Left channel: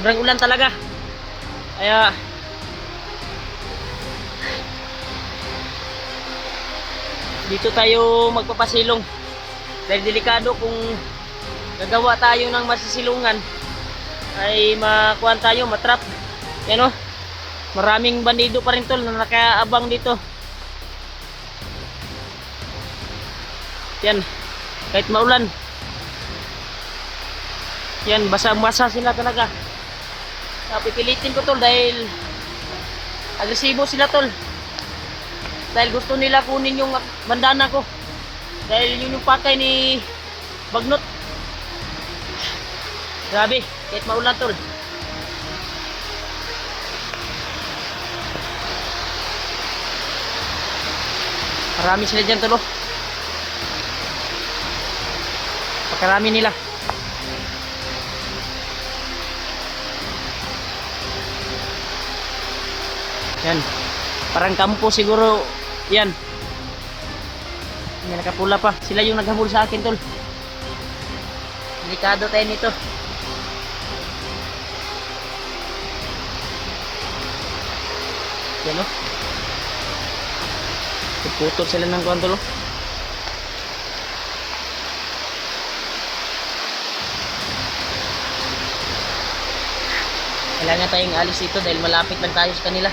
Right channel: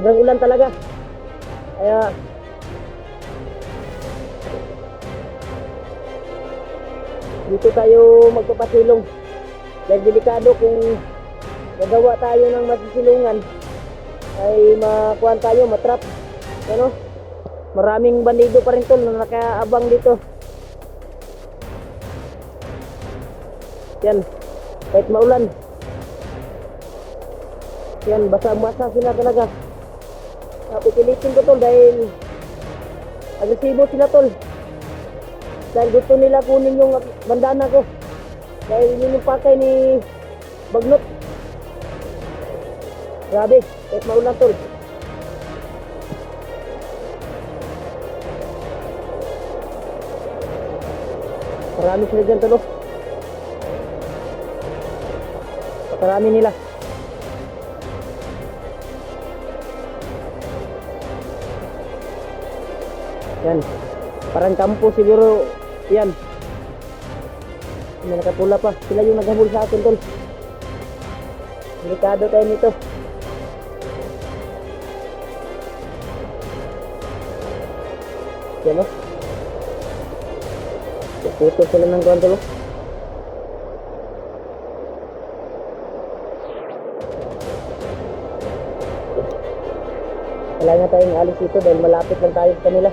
Sobrang ulan talaga. Kaya dito tayo magpapasilong. Dahil delikado kung gagawa tayo ng masisilungan ay makuhan tayo, matrap. Yan o. Maraming bandido pa rin tol na nakaabang dito. Yan. Kahit maulan. Yan, basa-basa sila talaga. Pipilitin ko tol dahil agresibo sila tol. Dahil gusto nila kunin yung bandana ko. Dahil yun yung pakay ni Bagnot. Grabe, kahit maulan tol. Marami sila dyan tol. Pakarami nila. Yan. Parang kampo siguro yan. May nakapula pa. Sila yung naghabol sa akin tol. Delikado tayo nito. Yan o. Putol sila ng kontol o. Kailangan tayong alis dito dahil malapit lang tayo sa kanila.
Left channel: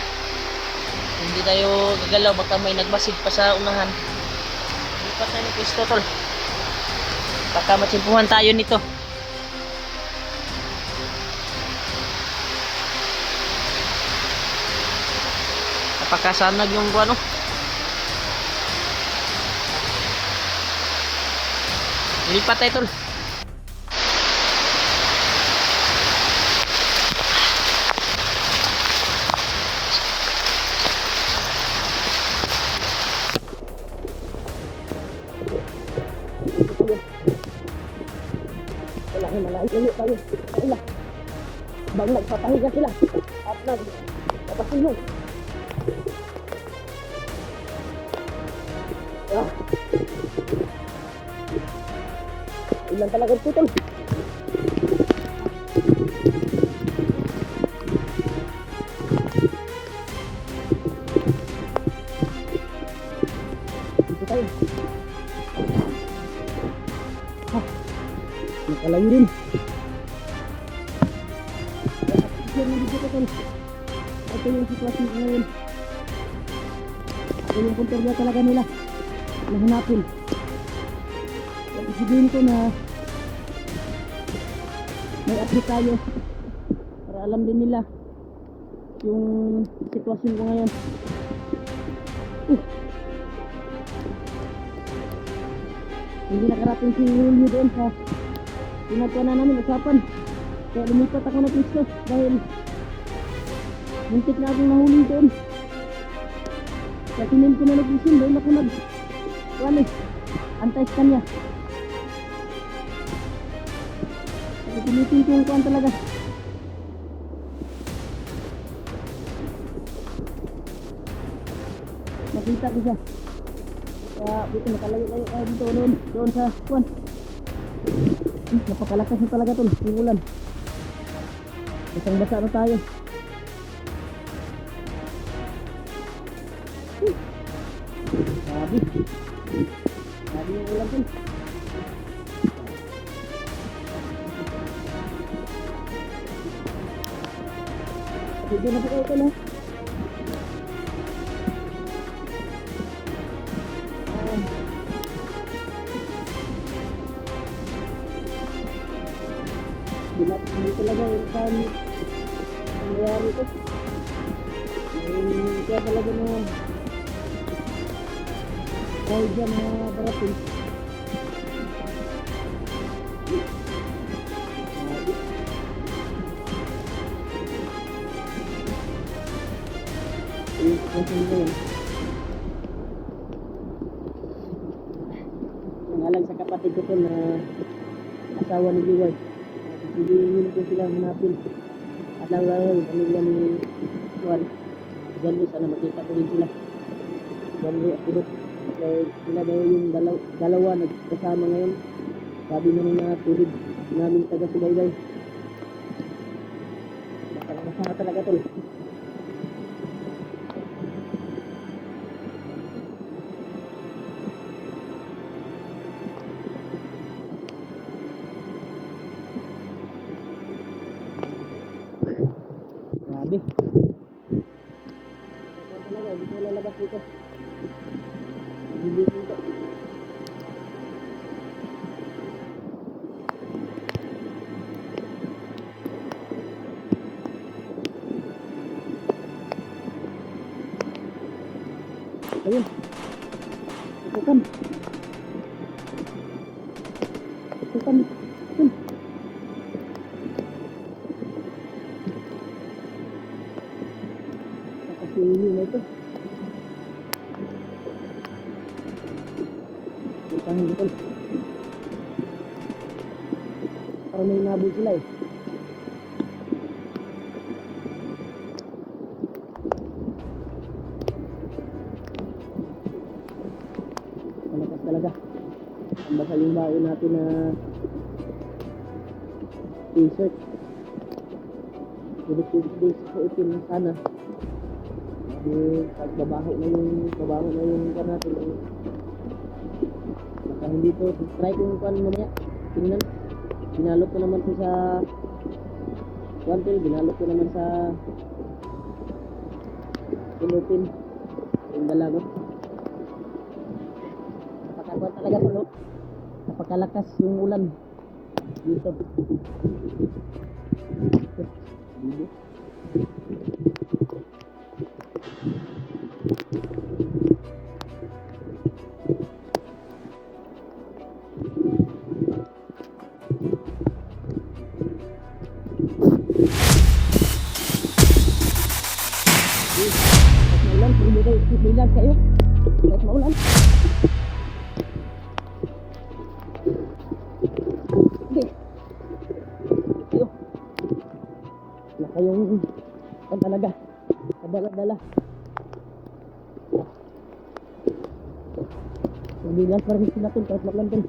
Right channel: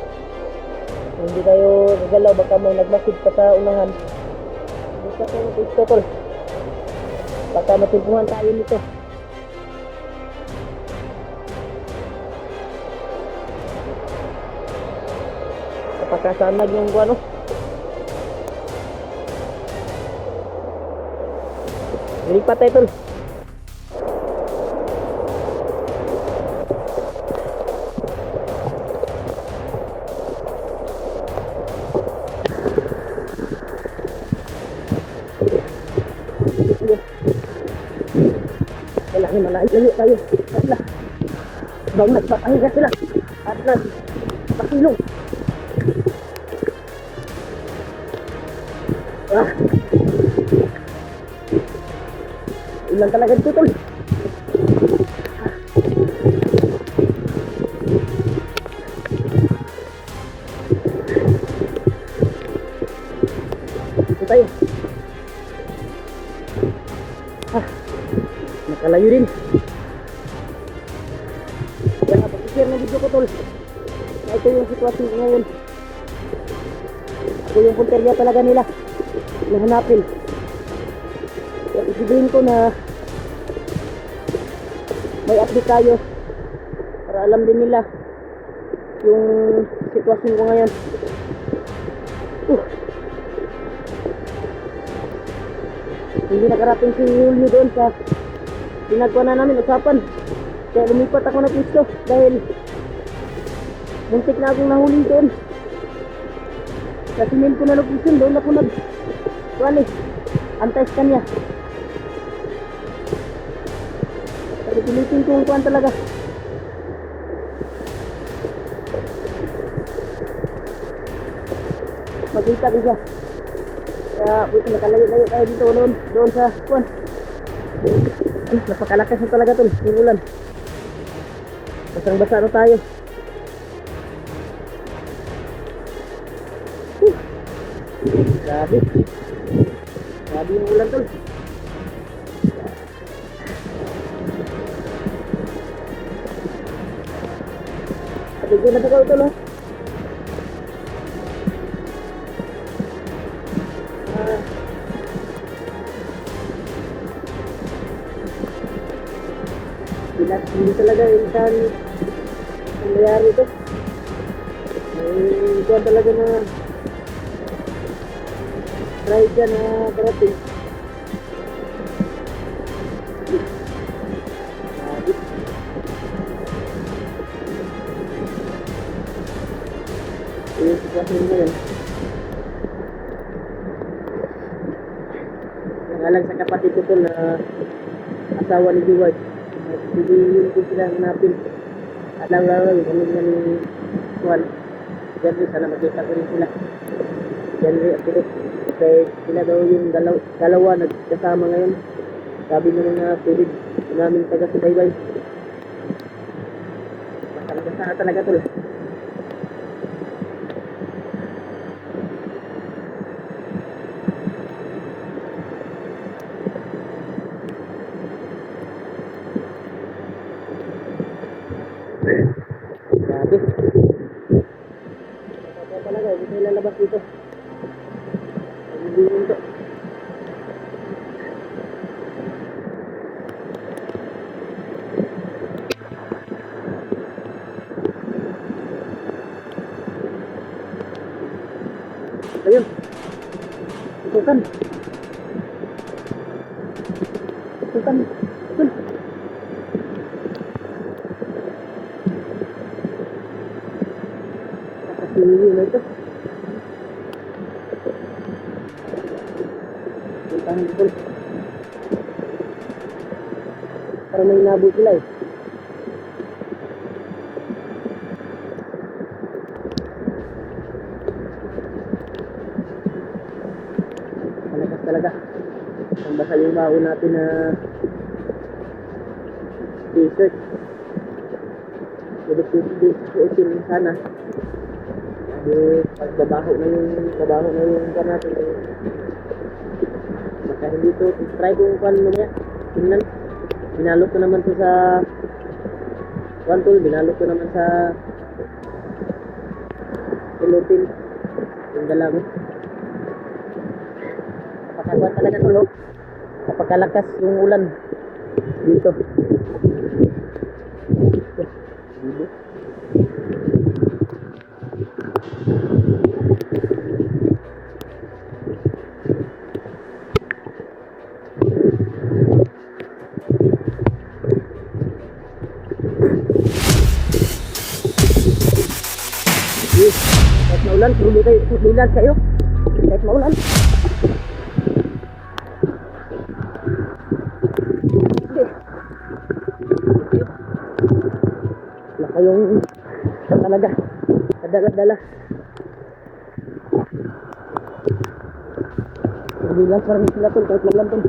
Hindi tayo gagalaw, baka may nagmasid pa sa unahan. Hindi pa tayo pisto tol. Baka matsimpuhan tayo nito. Napakasanag yung ano. Lipat tayo tol. Kailangan malayo tayo. Kailangan. Bang nagpapahiga sila. At nagpapasilong. Ah. Ilan talaga dito tol. Ah. Dito tayo. Ah. Nakalayo din. Kaya napag-share na video ko tol. Na ito yung sitwasyon ko ngayon. Ako yung punterya talaga nila. Nahanapin. Kaya isibihin ko na may update tayo. Para alam din nila yung sitwasyon ko ngayon. Hindi nakarating si Julio doon sa ginagawa na namin usapan. Kaya lumipat ako ng pisto dahil muntik na akong nahuli doon. Sa sinin ko na location doon ako antay sa kanya. Pero pilitin ko yung kuhan talaga. Makita ko siya. Kaya buti nakalayo-layo tayo dito doon sa kuhan. Napakalakas na talaga tol, yung ulan. Basang-basa na tayo. Grabe. Grabe yung ulan tol. At hindi na ikaw tol ha. Hindi talaga yung nangyayari ito. May kuha talaga na try dyan na parating. Grabe. Yung sitwasyon ngayon. Nangalan sa kapatid ko na asawa ni Diwad. Sibihin ko sila hanapin. At lang yung pamilya ni Juan. Janry, sana makita ko rin sila. Janry at Pidot. Kaya sila daw yung dalawa nagkasama ngayon. Sabi na mga tulid namin taga-subaybay. Talaga sana talaga tol. Grabe. Kaya talaga, hindi tayo lalabas dito. Nagbibingin to. Ayun. Itukan. Itukan. Itukan. Nakasiliyo na ito. Puntahan dito. Parang may inabot sila eh. Malakas talaga. Ang basa yung baon natin na t-shirt. Pwede suotin sana. Dahil pag babaho na yung kan natin ay baka hindi to. Try kung kan mamaya. Tingnan. Binalot ko naman to sa tool. Binalot ko naman sa cellophane. Yung dala ko. Napakagwan talaga to, look. Napakalakas yung ulan dito. Dito. Kahit maulan, sulilan sa'yo. Kahit maulan. Hindi. Ito. Wala kayong talaga. Kadala-dala. Sulilan pa rin sila tol, kahit maulan tol.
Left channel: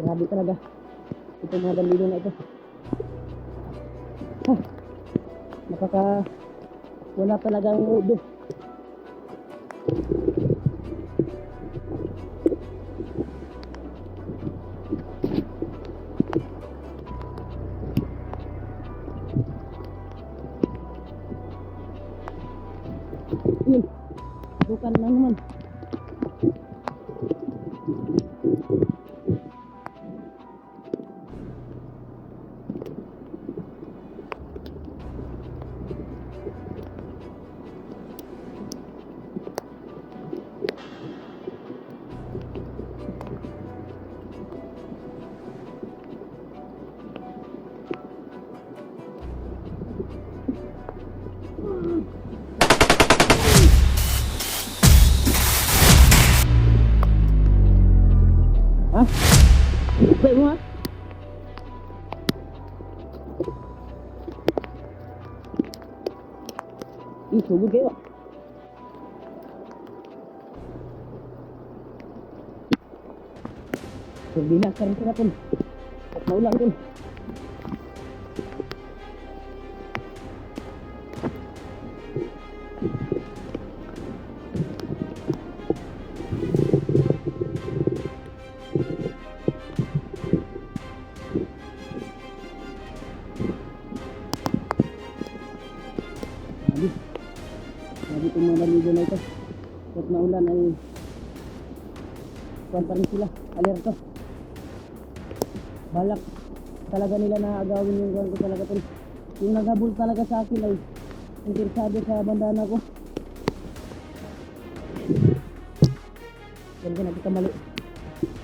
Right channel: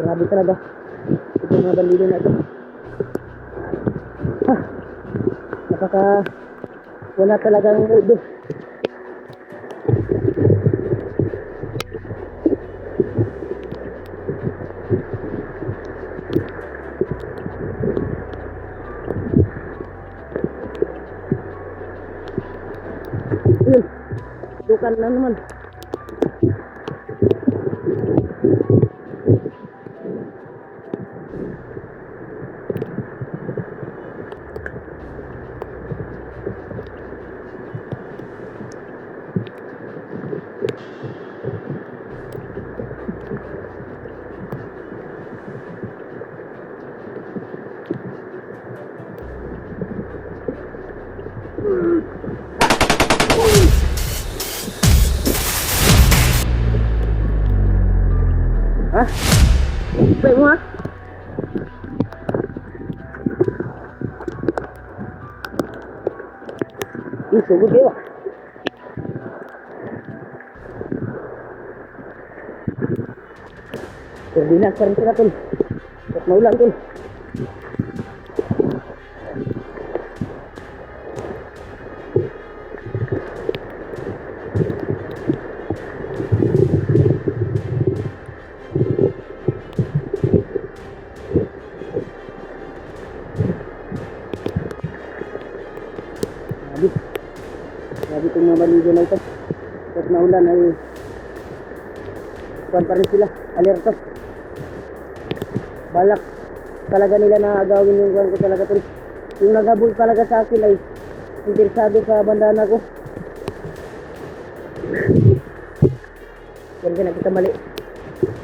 Grabe talaga. Ito mga bandido na ito. Wala talagang mudo. Yun, dukan na naman. Hah? Baik mo ha? Ih, sugod kayo. Turbinas pa rin sila tol. At maulan tol. Grabe itong mga baligo na ito. Kahit maulan ay kuwan pa rin sila. Alerto. Balak talaga nila na agawin yung kuwan ko talaga tol. Yung naghabol talaga sa akin ay interesado sa bandana ko. Yan ka nakita mali.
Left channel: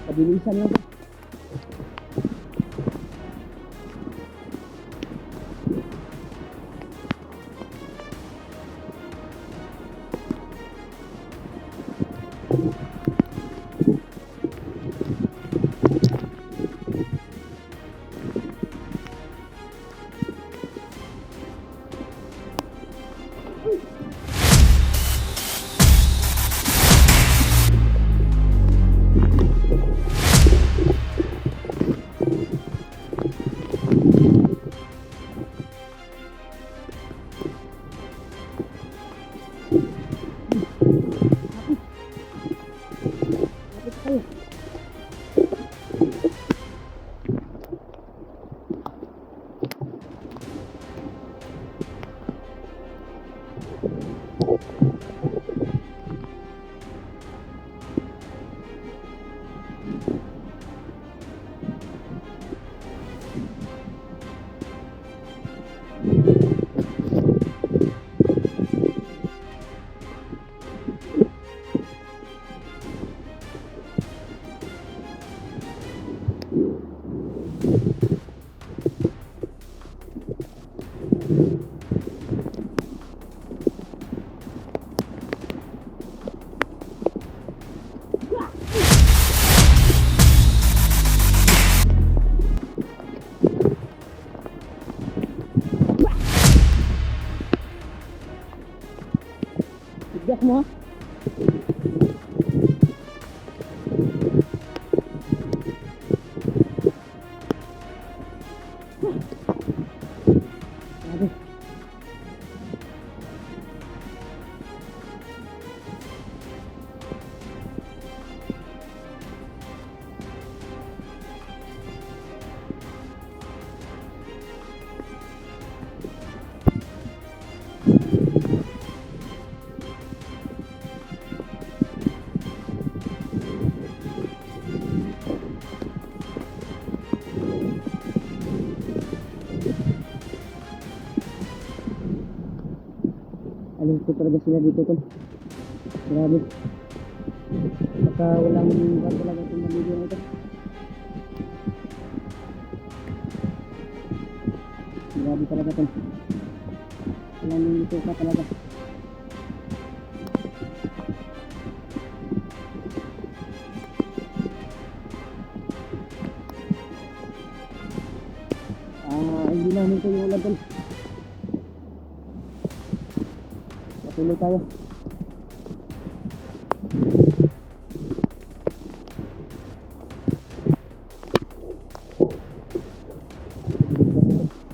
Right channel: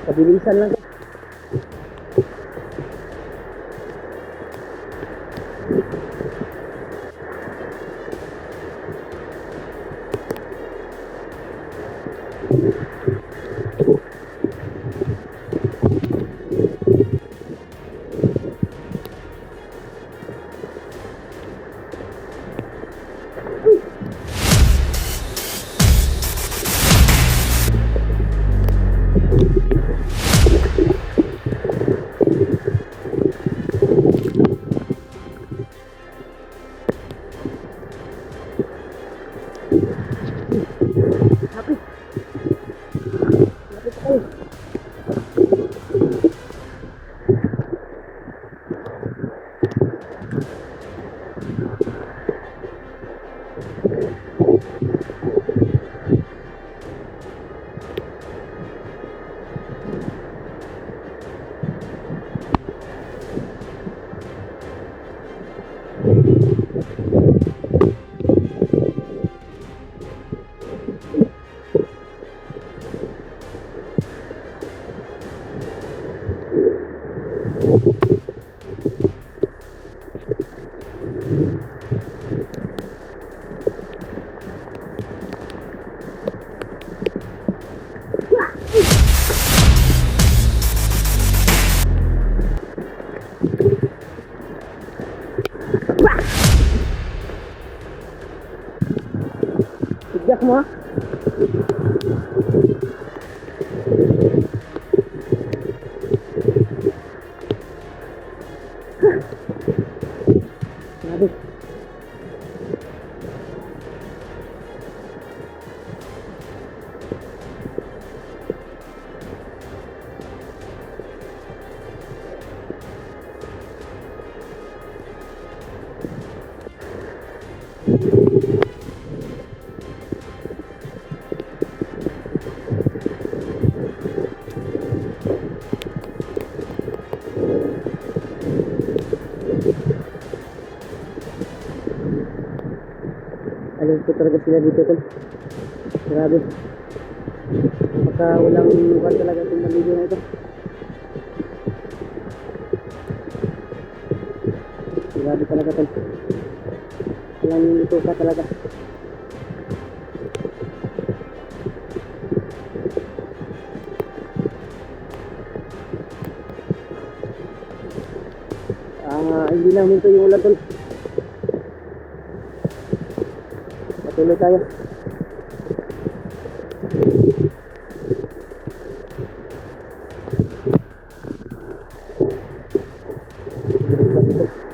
Pabilisan lang to. Sigyak mo ha. Grabe. Alam ko talaga sila dito tol. Grabe. Baka walang kuwan talaga itong maligo na ito. Grabe talaga tol. Walang dito ka talaga. Hindi na huminto yung ulan tol. Patuloy tayo. Ito.